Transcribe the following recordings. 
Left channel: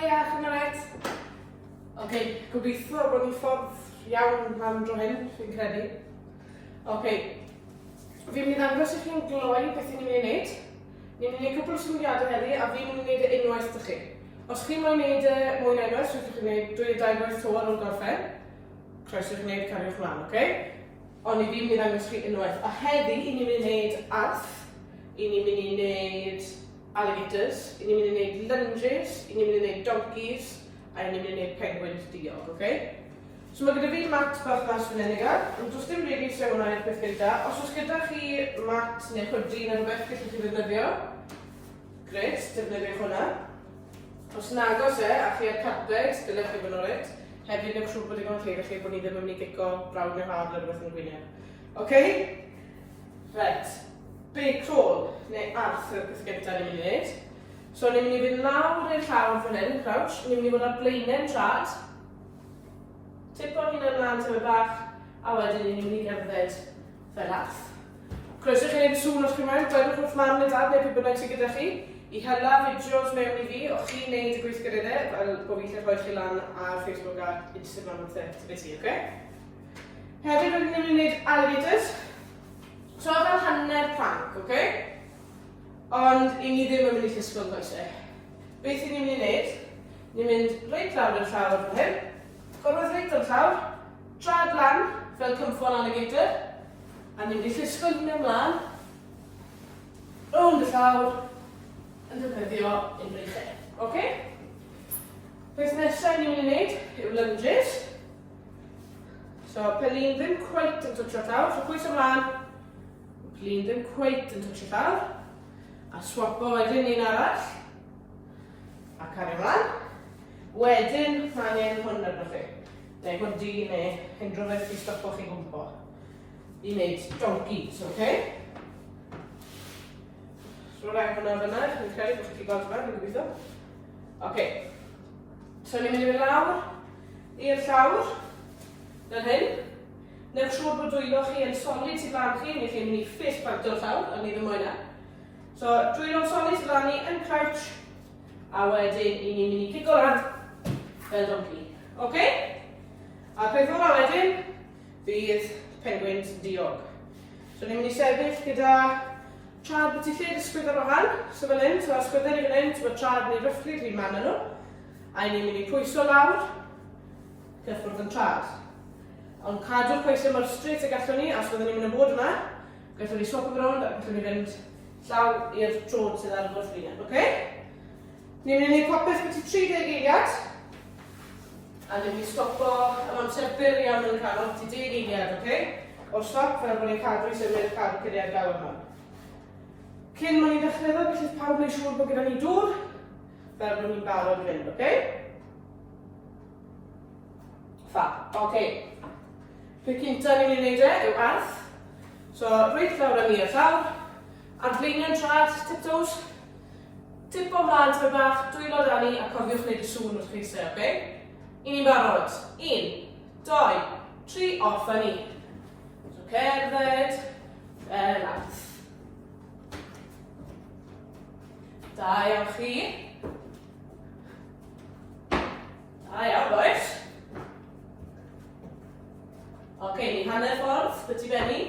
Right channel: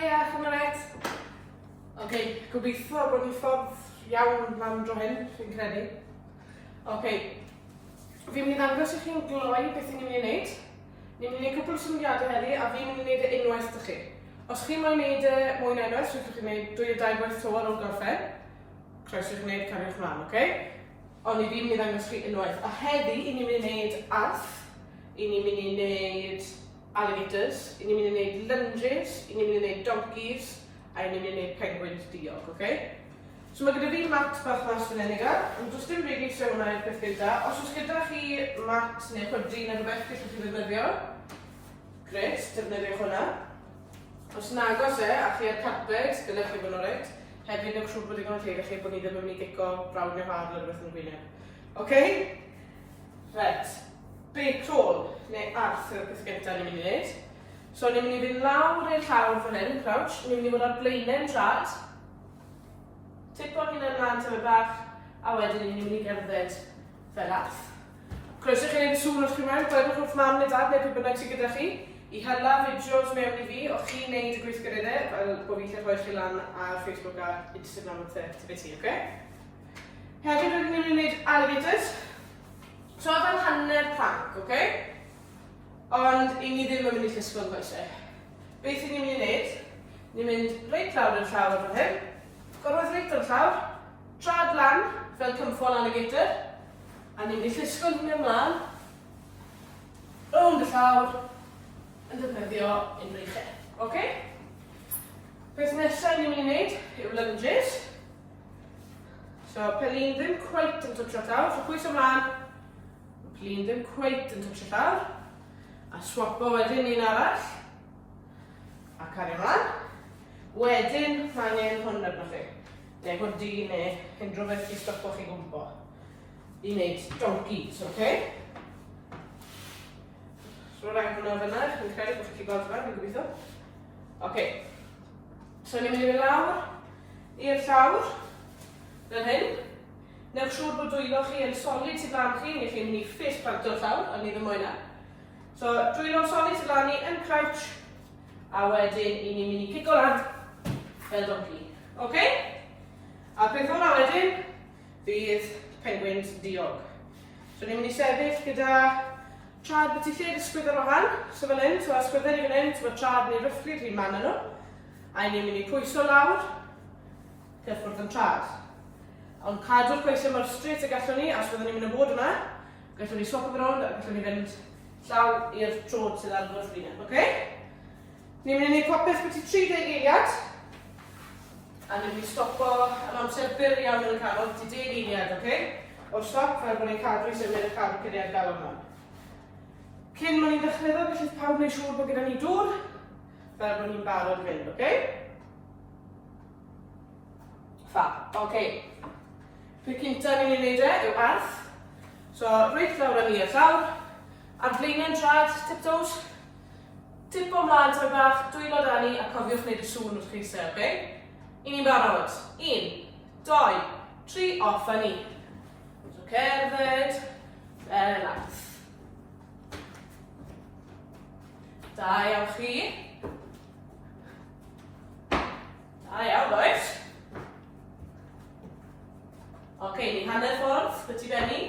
Hiya, chi'n rhaid? Ok, gobeithio bod ni'n ffordd iawn mam dro hyn, fi'n credu. Ok, fi'n mynd i ddangos i chi'n gloi beth ni'n mynd i wneud. Ni'n mynd i wneud cwpl o syniadau heddi a fi'n mynd i wneud unwaith dy chi. Os chi'n mynd i wneud mwy na unwaith, rwy'n chi'n wneud 2 i 2 gwaith to ar ôl gorffen. Croeso chi'n wneud cariwch mlaen, ok? Ond i fi'n mynd i ddangos chi unwaith. A heddi, i ni'n mynd i wneud arth, i ni'n mynd i wneud alligators, i ni'n mynd i wneud lunges, i ni'n mynd i wneud donkeys, a i ni'n mynd i wneud penguins diog, ok? So mae gyda fi mat berthnas fan hyn i gael, ond does dim rili sy'n hwnna i'r peth gyda. Os oes gyda chi mat neu hoodie neu rhywbeth gallwch chi ddefnyddio, gret, defnyddiwch hwnna. Os nagos a chi ar carpet, dylech chi fod nhw'n rhaid. Hefyd newch siŵr bod digon o teir chi bod ni ddim yn mynd i gico brawd neu hard neu rhywbeth yn gwyneb. Ok? Right. Bake roll, neu arth yw'r peth gyntaf ni'n mynd i wneud. So ni'n mynd i fynd lawr i'r llawr fan hyn, crouch. Ni'n mynd i fod ar blaenau'n trad. Tipo'r hyn ymlaen tyma bach, a wedyn ni'n mynd i gerdded fel arth. Croeso chi wneud y sŵn os chi'n mewn, gwedwch wrth mam neu dad neu pwy bynnag sydd gyda chi. I hela fideos mewn i fi, o chi'n neud y gweithgareddau, fel bod fi'n rhoi chi lan ar Facebook a Instagram o ti, ok? Hefyd rydyn ni'n mynd i wneud alligators. So fel hanner prank, ok? Ond i ni ddim yn mynd i llusgo'n goesau. Beth i ni'n mynd i wneud? Ni'n mynd reit lawr i'r llawr fan hyn, gorfod reit o'r llawr, trad lan fel cymffon alligator, a ni'n mynd i llusgo'n hyn ymlaen, rownd y llawr, yn defnyddio unrhyw lle. Ok? Beth nesaf ni'n mynd i wneud yw lunges. So, pen ni'n ddim cweit yn twtio llawr, so pwys ymlaen, pen ni'n ddim cweit yn twtio llawr, a swapo wedyn un arall, a cario ymlaen. Wedyn, mae angen hwn arno chi. Neu hwndi, neu unrhyw beth i stopo chi gwmpo. I wneud donkeys, ok? So rhaid hwnna fyna, fi'n credu bod chi'n gweld fan, fi'n gobeithio. Ok. So ni'n mynd i fynd lawr i'r llawr, fel hyn. Newch siŵr bod dwylo chi yn solid sydd lan chi, neu chi'n mynd i ffes plant o'r llawr, ond ni ddim mwy na. So dwylo'n solid sydd lan ni yn crouch, a wedyn i ni'n mynd i cico lan fel donkey. Ok? A peth o'r wedyn, fydd penguins diog. So ni'n mynd i sefyll gyda trad beth i lle ysgwydd ar ohan, so fel hyn, so ysgwyddau ni fan hyn, so mae trad neu ryfflu dwi'n man nhw, a ni'n mynd i pwyso lawr, cyffwrdd yn trad. Ond cadw'r pwysau mor straight a gallwn ni, a os fyddwn ni'n mynd yn bod yma, gallwn ni swap yn rownd, a gallwn ni fynd llaw i'r trod sydd ar gwrth linell, ok? Ni'n mynd i wneud popeth beth i 30 eiliad, a ni'n mynd i stopo yn amser byr iawn yn canol, beth i 10 eiliad, ok? O stop fel bod ni'n cadw i symud y car cyliau gael yma. Cyn ma'n ni'n dechrau ddod, felly pawb wneud siŵr bod gyda ni dŵr, fel bod ni'n barod fynd, ok? Fab, ok. Peth cynta ni'n mynd i wneud yw arth. So, reit lawr â ni i'r llawr, ar blaenau'n trad, tiptoes, tipo ymlaen tyma bach, dwylo da ni, a cofiwch wneud y sŵn wrth cheisau, ok? I ni'n barod. 1, 2, 3, off â ni. So, cerdded, fel arth. Da iawn chi. Da iawn, boes. Ok, ni hanner ffordd, beth i benni.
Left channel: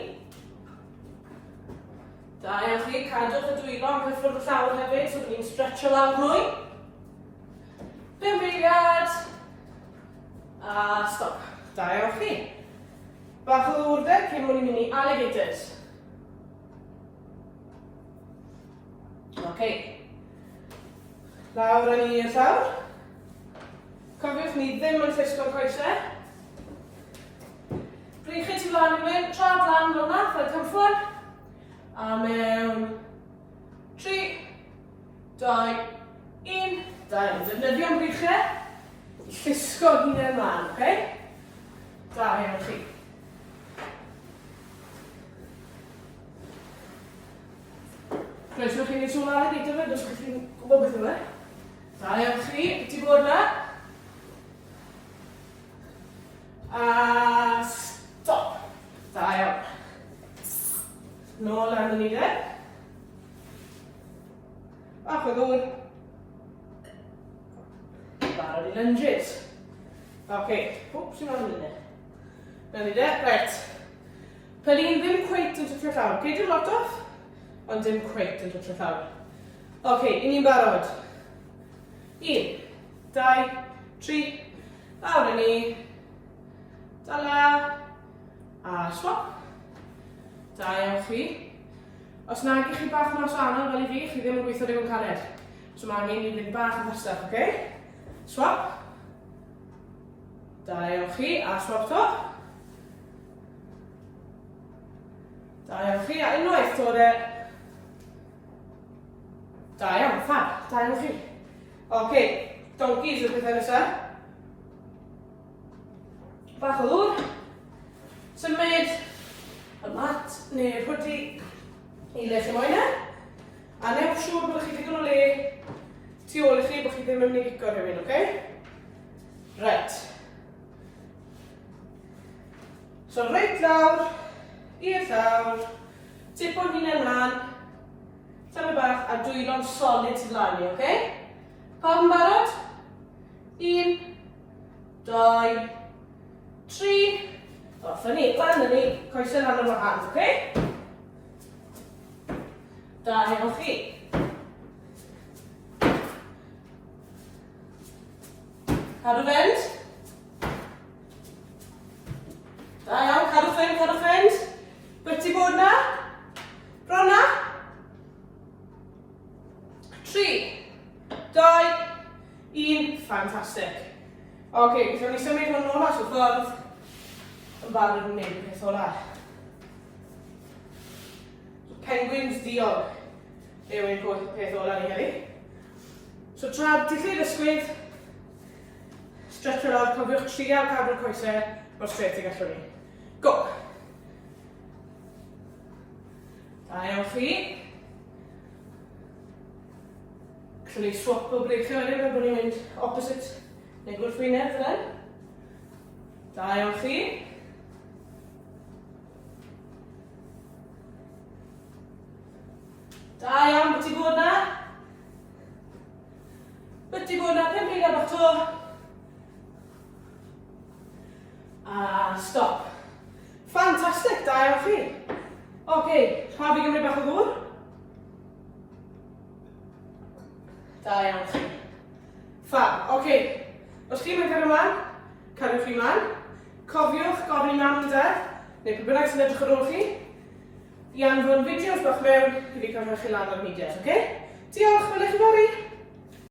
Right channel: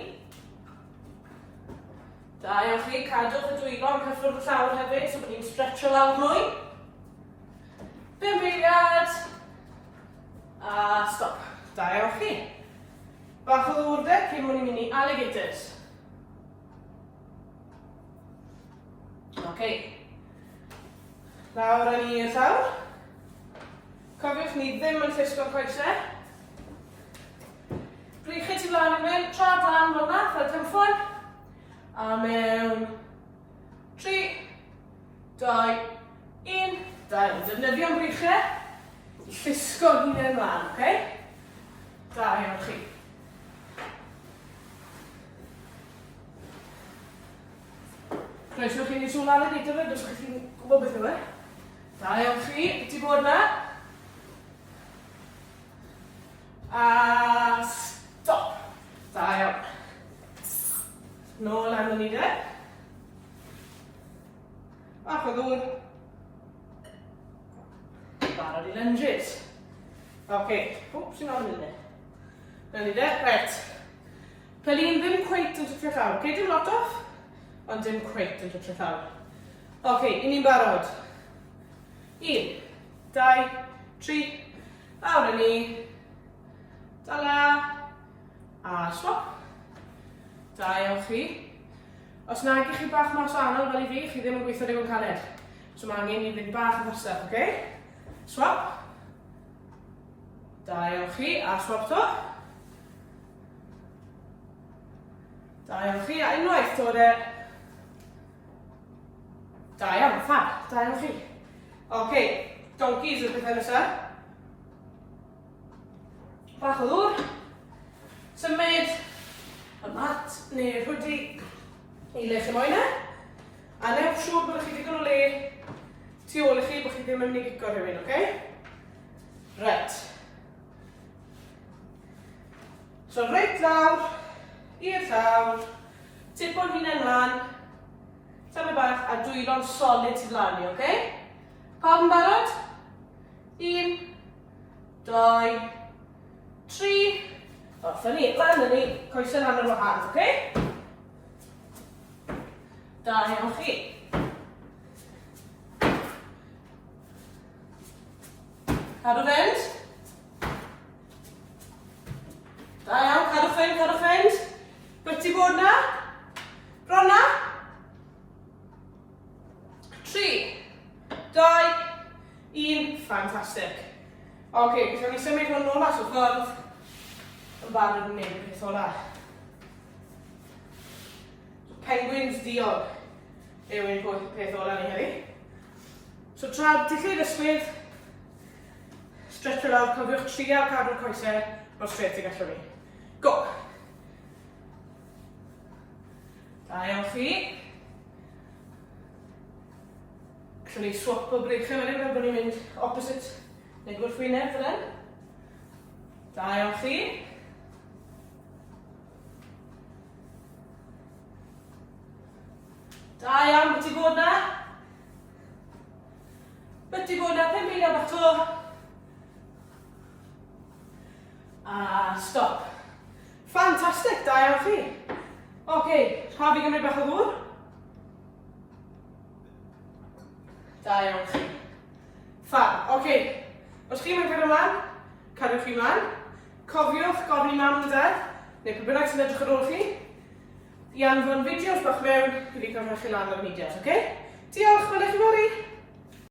Da iawn chi, cadwch y dwylo yn cyffwrdd y llawr hefyd, so bod ni'n stretcho lawr mwy. 5 eiliad. A stop. Da iawn chi. Bach o ddwrdeb cyn mwyn i mynd i alligators. Ok. Lawr â ni i'r llawr. Cofiwch ni ddim yn llusgo'r coesau. Breichyd i flaen yn mynd, trad lan fel yna, fel cymffwn. A mewn 3, 2, 1. Da iawn, defnyddio'n breichau i llusgo hynny ymlaen, ok? Da iawn chi. Croeso chi'n ei sŵn ar y dita fe, dos chi'n gwybod beth yw e? Da iawn chi, beth i bod yna? A stop. Da iawn. Nôl am y ni de. Bach o ddŵr. barod i lunges. Okay, oops, sy'n o'n mynd. Nawn ni de, right. Pelin ddim cweit yn twtio llawr. Okay, dim lot off, ond dim cweit yn twtio llawr. Okay, i ni'n barod. 1, 2, 3, lawr yn ni. Dala. A swap. Da iawn chi. Os nag i chi bach mas anodd fel i fi, chi ddim yn gweithio digon caled. So mae angen i fynd bach yn fastach, okay? Swap. Da iawn chi, a swap to. Da iawn chi, a unwaith dod e. Da iawn, fab, da iawn chi. Okay, donkeys yw'r pethau nesaf. Bach o ddŵr. Symud y mat neu hwdi i le chi moyn e. A newch siŵr bod chi digon o le tu ôl i chi bod chi ddim yn mynd i gico rhywun, okay? Right. So reit lawr, i'r llawr, tipo'n hunain mlaen, symud bach a dwylo'n solid sydd lan i, okay? Pawb yn barod? 1, 2, 3, off yn ni, lan yn ni, coesau lan yn wahân, okay? Da iawn chi. Cadw fynd. Da iawn, cadw fynd, cadw fynd. Byti bod na. Bron na. 3, 2, 1, fantastic. Ok, so ni symud hwn nôl at y ffordd yn barod yn neud y peth ola. Penguins diog yw ein peth ola ni heddi. So tra dillid ysgwyd, stretcher lawr, cofiwch trial cadw'r coesau mor straight i gallwn ni. Go! Da iawn chi. Gallwn ni swap o breichio wedyn, fel bod ni'n mynd opposite neu gwrthwyneb fel hyn. Da iawn chi. Da iawn, byti bod na? Byti bod na, 5 eiliad bach to. A stop. Fantastic, da iawn chi. Ok, pa fi gymryd bach o ddŵr? Da iawn chi. Fab, ok. Os chi mae'n cadw mlaen, cadwch chi mlaen. Cofiwch gofyn i mam de, neu pwy bynnag sy'n edrych ar ôl chi. I anfon fideos bach mewn, gyda cyfrwch chi lan ar medias, ok? Diolch, fel eich yn fawr i.